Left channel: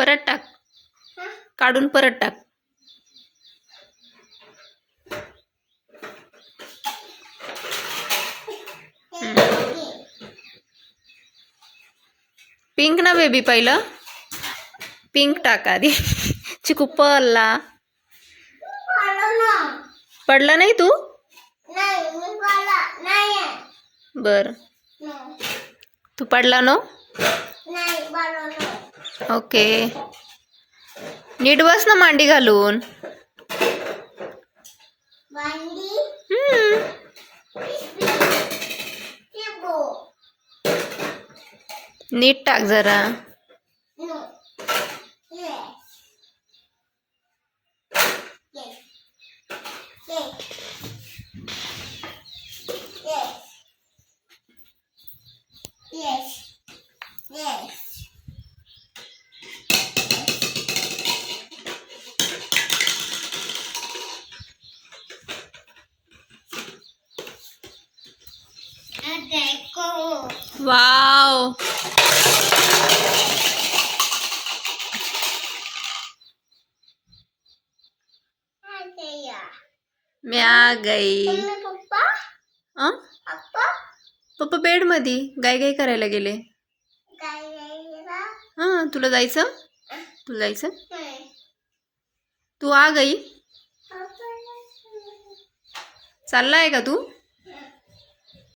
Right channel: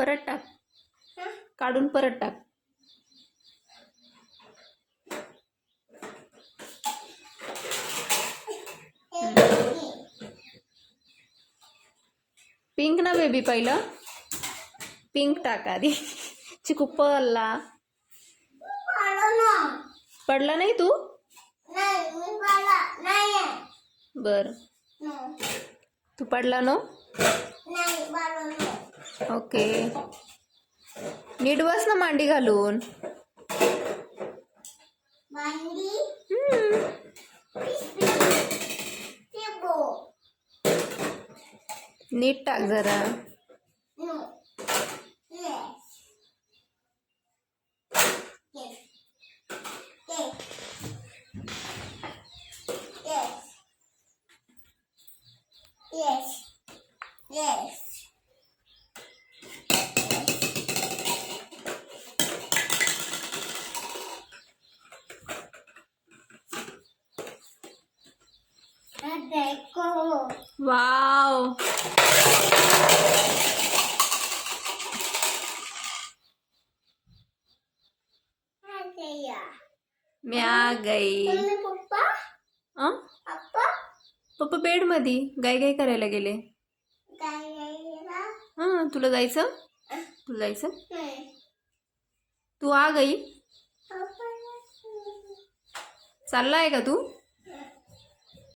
परत टाक, काढून परत टाक. पिंक ना बेबी, पहिलं पिंक टाक आधी. चिकू पडला. पडला नाही तू? बर, तू पडला नो? ओके, नीट बस ना मांडी घालून. नीट टाक जरा. वाव, मैं आ गई. पप्पा बेड मध्ये गाय गाय करायला गेले. हां, तुला जायचं? तुला जायचं? तू आ गई? चालला आहे का तू?